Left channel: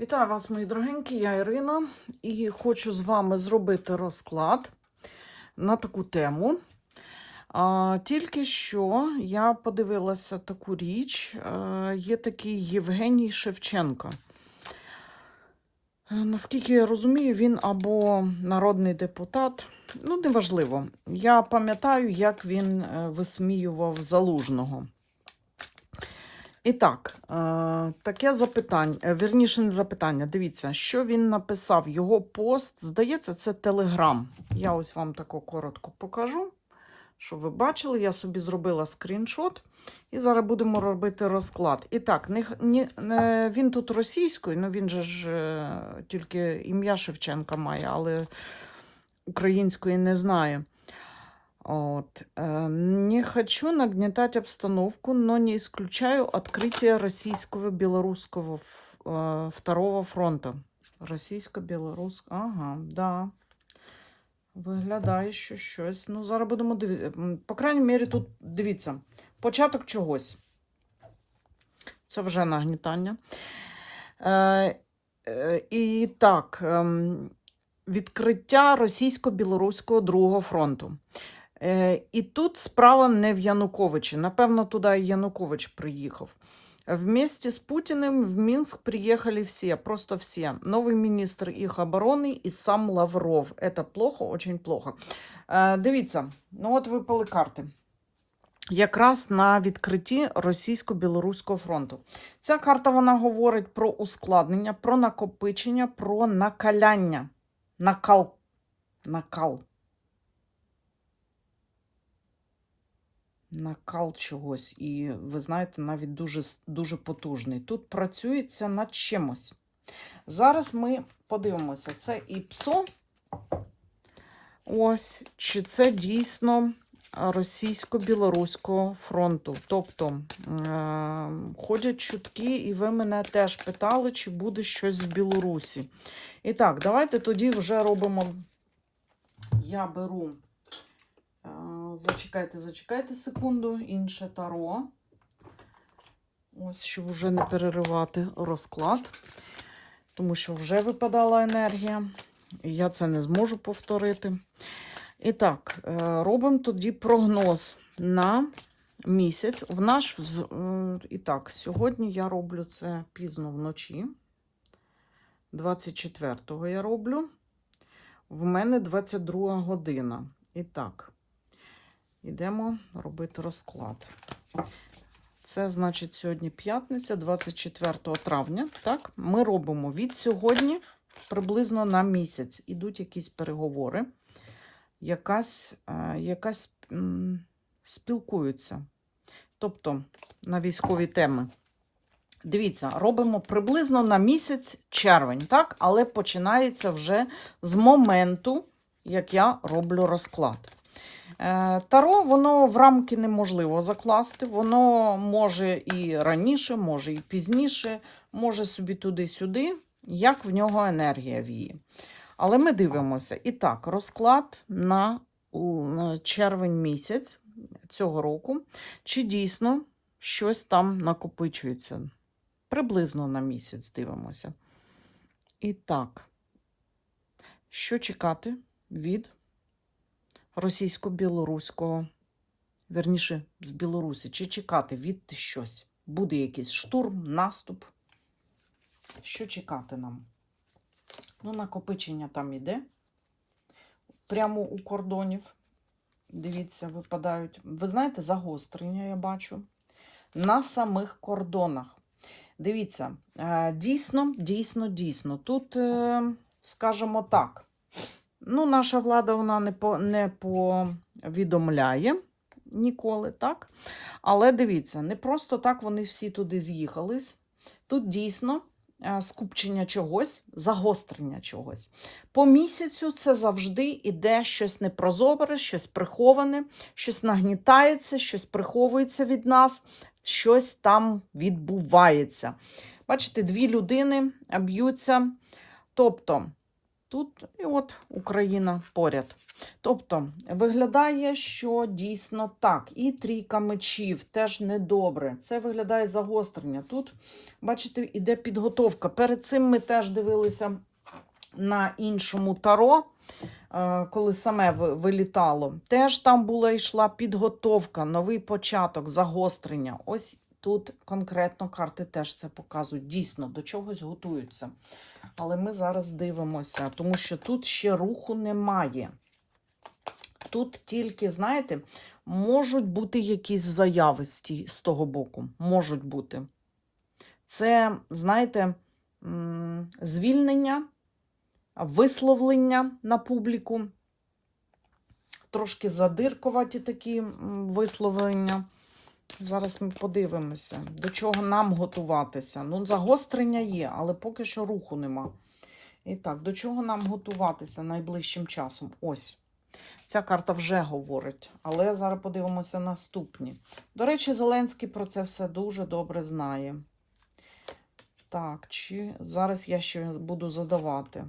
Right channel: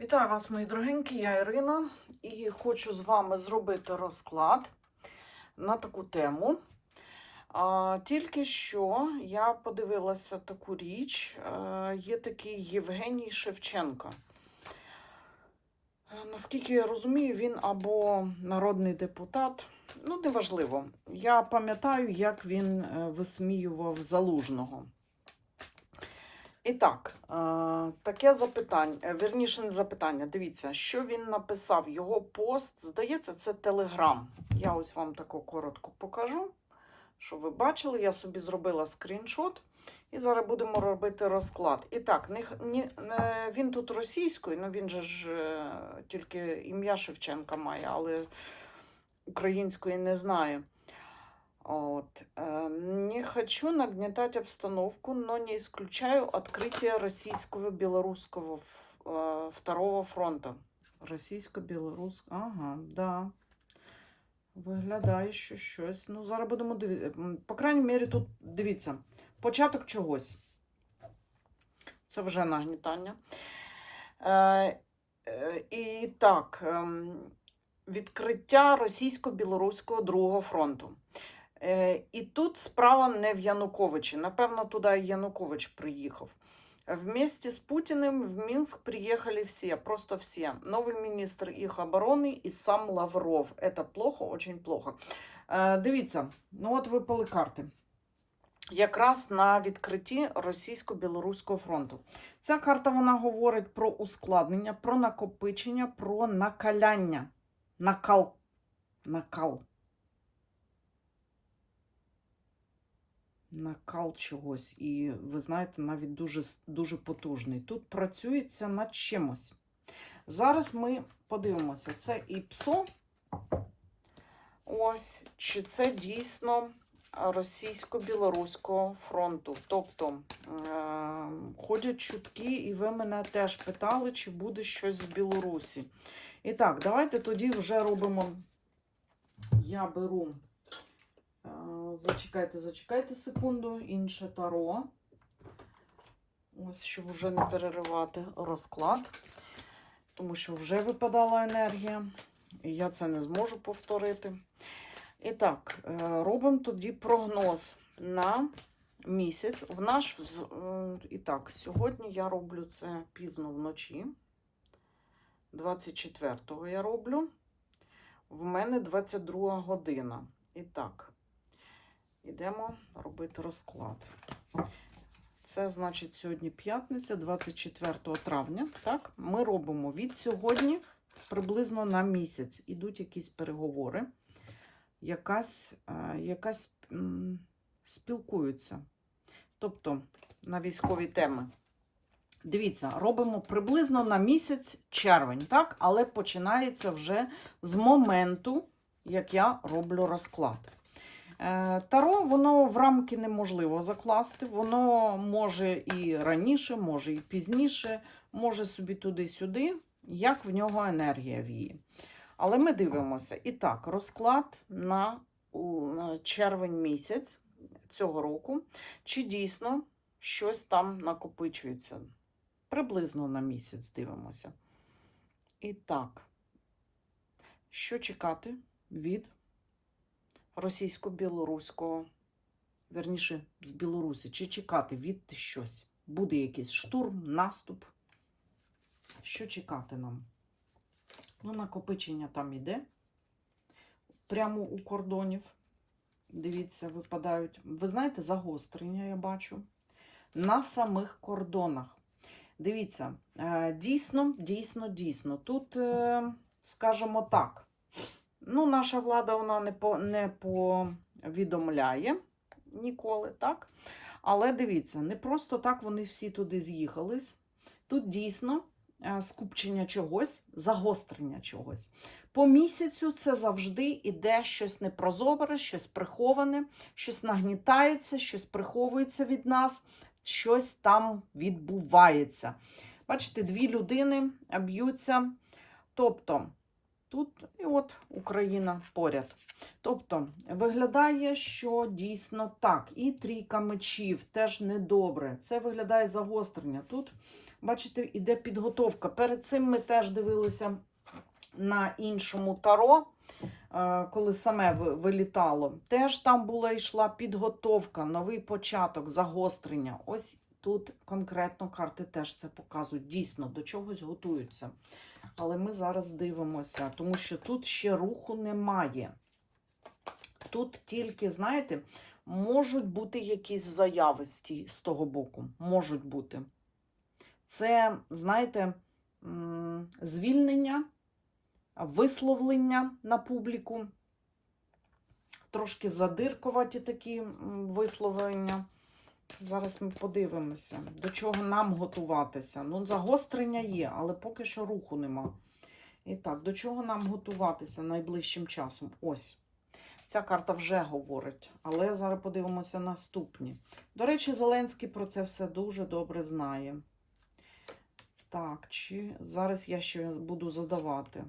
Вітаю вас, мої дорогенькі, я Ірина, і хочу з вами зробити розклад на таку тему. Тільки що я подивилася таку річ. Є такий Євгеній Шевченко. Наскільки я розумію, він або народний депутат, ну, неважливо. Я пам'ятаю, як він е, висміював залужного. І так, е, таке запитання, е, вірніше не запитання. Дивіться, що він написав. Його пост, здається, це Телеграм. Я ось вам тако коротко покажу, щоб ви бачили. Я собі зробила скріншот. І зараз будемо робити розклад. І так, не, не, не- він тут російською, ну він же ж е, тільки ім'я Шевченка має, але української не знає. Вот. э, Не хочу нагнетать обстановку, но не исключаю открытие российского белорусского ф- э, второго фронта. Російсько-білоруського. Ага, да. Виглядає, що щось. Ну, зараз будемо дивитися. По крайній мірі, тут дивіться. Початок чогось. Це вже нагнітання. Е, е, і так, ем, відкриття російсько-білоруського другого фронту. Е, І тут справа не в Януковичі. Напевно, туди і Янукович приїхав. Вместе с Путиным в Минск приехали все, просто все. Новый министр их обороны и сам Лавров. Это плохо, очень плохо. Е, Дивіться, ну от випали карти. Якраз на відкритті російсько-білоруського фронту. Ця карта вона говорить про ускладнення, про накопичення, про накаляння. Накал. Накал. Накал чогось, і ви знаєте, навіть дуже, дуже потужний. Тут працюється над чимось. Зараз ми подивимося, це і ПСО. Ось, чи це дійсно російсько-білоруського фронту. Тобто е- ходять чутки, і ви мене теж питали, чи буде щось з Білорусі. І так, давайте тоді вже робимо. Я беру. Зачекайте, зачекайте секунду, інше таро. Ось, щоб вже не переривати розклад, тому що вже випадала енергія, і я це не зможу повторити. І так, е, робимо тоді прогноз на місяць. В наш е, І так, сьогодні я роблю це пізно вночі. 24-го я роблю. В мене 22 година. І так. Йдемо робити розклад. Це значить сьогодні п'ятниця, 24 травня. Так, ми робимо від сьогодні приблизно на місяць. Ідуть якісь переговори, якась, е, якась спілкуються. Тобто на військові теми. Дивіться, робимо приблизно на місяць червень, так? Але починається вже з моменту, як я роблю розклад. Е, Таро, воно в рамки неможливо закласти. Воно може і раніше, може і пізніше, може собі туди-сюди, як в нього енергія віє. Але ми дивимося. І так, розклад на червень місяць цього року. Чи дійсно щось там накопичується? Приблизно на місяць дивимося. І так, що чекати від російсько-білоруського, верніше, з Білорусі, чи чекати від щось? Буде якийсь штурм, наступ? Що чекати нам? Ну, накопичення там іде. Прямо у кордонів. Дивіться, випадають. Ви знаєте, загострення я бачу. На самих кордонах. Дивіться, е, дійсно, дійсно, дійсно. Тут, е, скажімо так, ну, наша влада вона не, по, не повідомляє ніколи, так? Але дивіться, не просто так вони всі туди з'їхались. Тут дійсно е, скупчення чогось, загострення чогось. По місяцю це завжди іде щось непрозоре, щось приховане, щось нагнітається, щось приховується від нас, щось там відбувається. Бачите, дві людини б'ються. Тобто Тут і от Україна поряд. Тобто виглядає, що дійсно так. І трійка мечів теж недобре. Це виглядає загострення. Тут, бачите, іде підготовка. Перед цим ми теж дивилися на іншому таро, е, коли саме вилітало. Теж там була йшла підготовка, новий початок, загострення. Ось тут конкретно карти теж це показують. Дійсно, до чогось готуються. Але ми зараз дивимося, тому що тут ще руху немає. Тут тільки, знаєте, можуть бути якісь заяви з, того боку. Можуть бути. Це, знаєте, звільнення, висловлення на публіку. Трошки задиркуваті такі висловлення. Зараз ми подивимося, до чого нам готуватися. Ну, загострення є, але поки що руху нема. І так, до чого нам готуватися найближчим часом? Ось. Ця карта вже говорить, але зараз подивимося наступні. До речі, Зеленський про це все дуже добре знає. Так, чи зараз я ще буду задавати.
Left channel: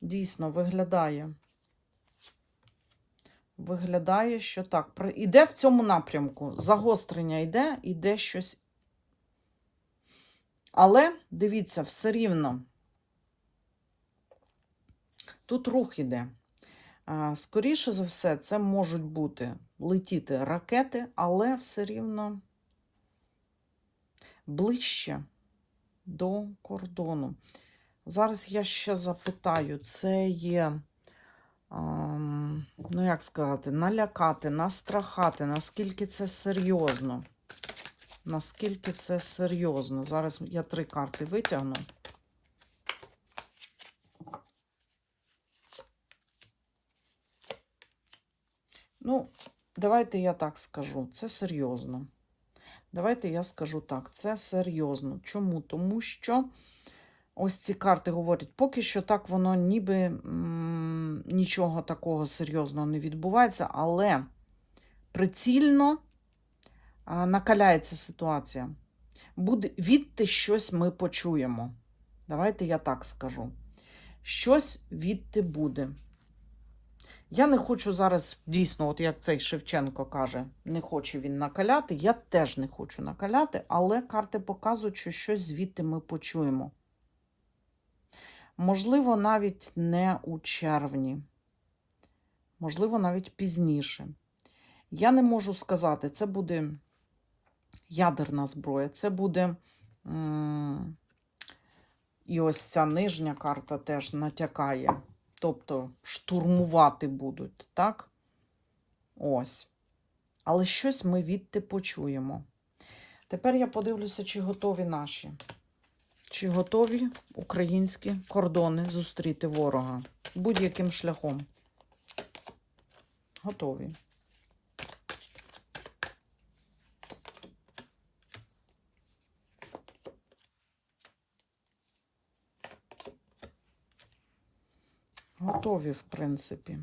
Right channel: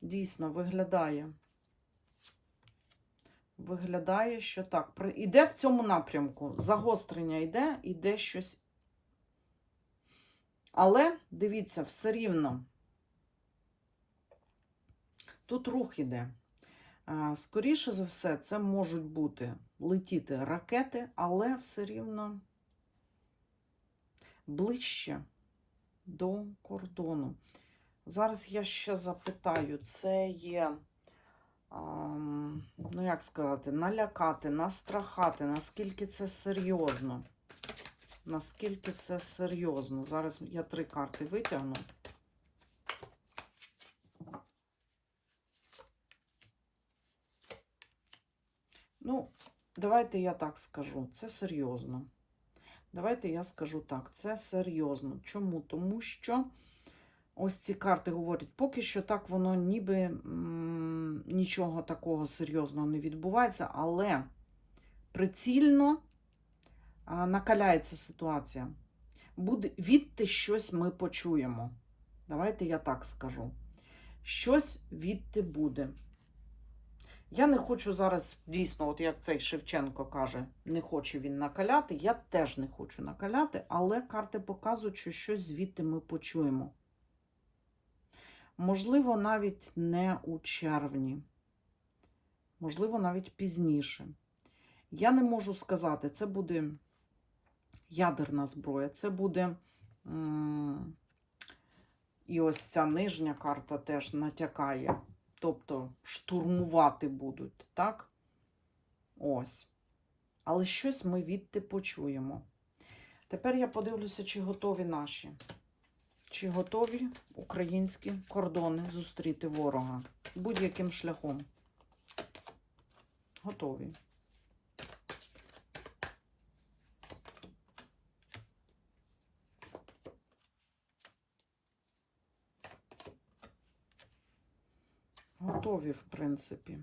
Дійсно, виглядає. Виглядає, що так. Іде в цьому напрямку. Загострення йде, іде щось. Але дивіться, все рівно. Тут рух іде. Скоріше за все, це можуть бути летіти ракети, але все рівно ближче до кордону. Зараз я ще запитаю, це є, ну як сказати, налякати, настрахати, наскільки це серйозно. Наскільки це серйозно. Зараз я три карти витягну. Ну, давайте я так скажу. Це серйозно. Давайте я скажу так, це серйозно. Чому? Тому що ось ці карти говорять, поки що так воно ніби нічого такого серйозного не відбувається, але прицільно накаляється ситуація. Буде відти щось ми почуємо. Давайте я так скажу. Щось відти буде. Я не хочу зараз, дійсно, от як цей Шевченко каже, не хоче він накаляти. Я теж не хочу накаляти, але карти показують, що щось звідти ми почуємо. Можливо, навіть не у червні, можливо, навіть пізніше. Я не можу сказати, це буде ядерна зброя, це буде. І ось ця нижня карта теж натякає. Тобто штурмувати будуть, так? Ось. Але щось ми відти почуємо. Тепер я подивлюся, чи готові наші. Чи готові українські кордони зустріти ворога будь-яким шляхом. Готові. Готові, в принципі.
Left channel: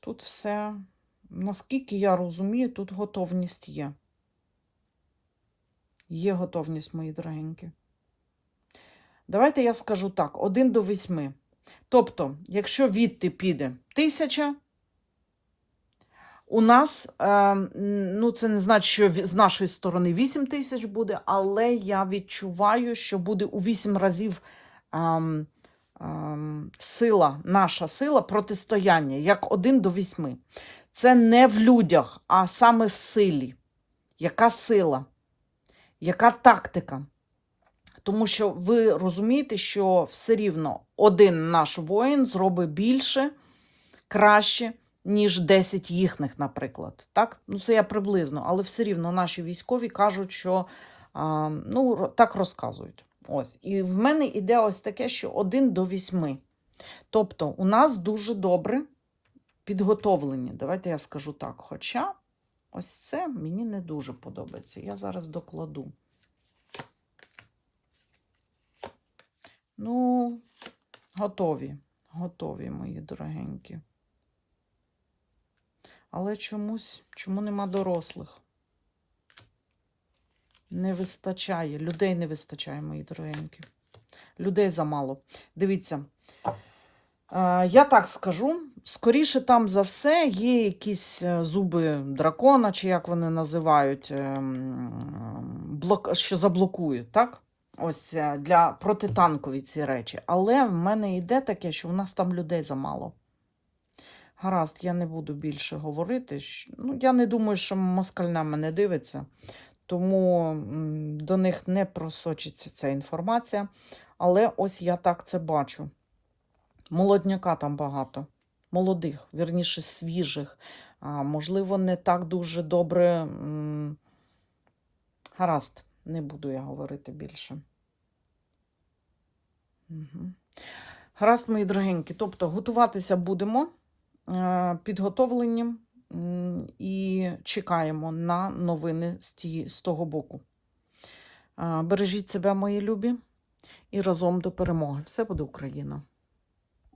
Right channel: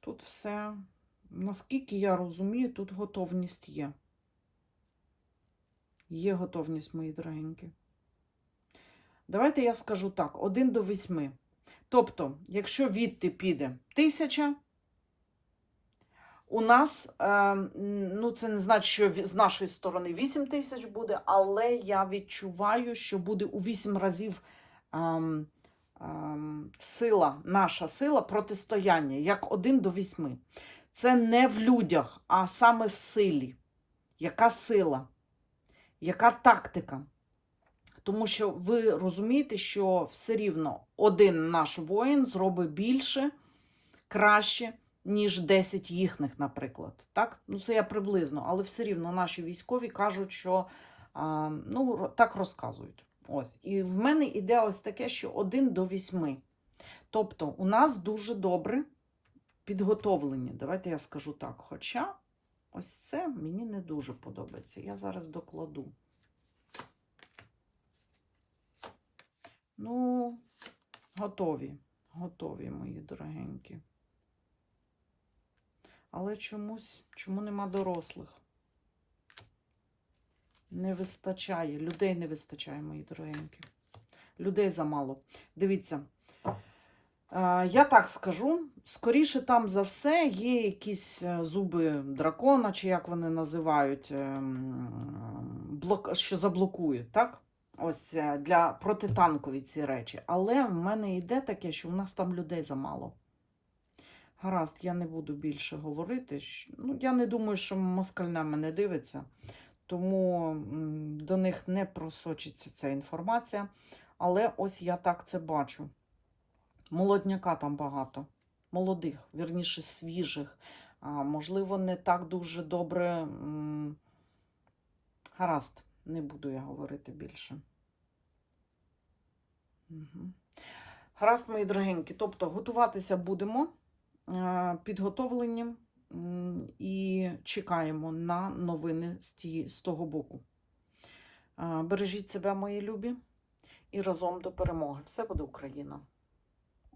Тут все, наскільки я розумію, тут готовність є. Є готовність, мої дорогенькі. Давайте я скажу так: 1 до 8. Тобто, якщо відти піде тисяча, у нас, е, ну це не значить, що з нашої сторони 8 тисяч буде, але я відчуваю, що буде у 8 разів ем, ем, сила, наша сила протистояння, як 1 до 8. Це не в людях, а саме в силі. Яка сила? Яка тактика? Тому що ви розумієте, що все рівно один наш воїн зробить більше, краще, ніж 10 їхніх, наприклад. Так? Ну, це я приблизно, але все рівно наші військові кажуть, що ну, так розказують. Ось. І в мене іде ось таке, що 1 до 8. Тобто, у нас дуже добре підготовлені. Давайте я скажу так. Хоча ось це мені не дуже подобається. Я зараз докладу. Ну, готові, готові, мої дорогенькі. Але чомусь, чому нема дорослих? Не вистачає, людей не вистачає, мої дорогенькі. людей замало. Дивіться, е, я так скажу. Скоріше там за все є якісь е, зуби дракона, чи як вони називають, ем, що заблокують, так? Ось е, для протитанкові ці речі. Але в мене йде таке, що в нас там людей замало. Гаразд, я не буду більше говорити. Ну, я не думаю, що москаль на мене дивиться, тому до них не просочиться ця інформація. Але ось я так це бачу. Молодняка там багато. Молодих, вірніше, свіжих. Можливо, не так дуже добре. Гаразд, не буду я говорити більше. Угу. Гаразд, мої дорогенькі. Тобто, готуватися будемо е, підготовлені і чекаємо на новини з, ті, з того боку. Е, Бережіть себе, мої любі, і разом до перемоги. Все буде Україна!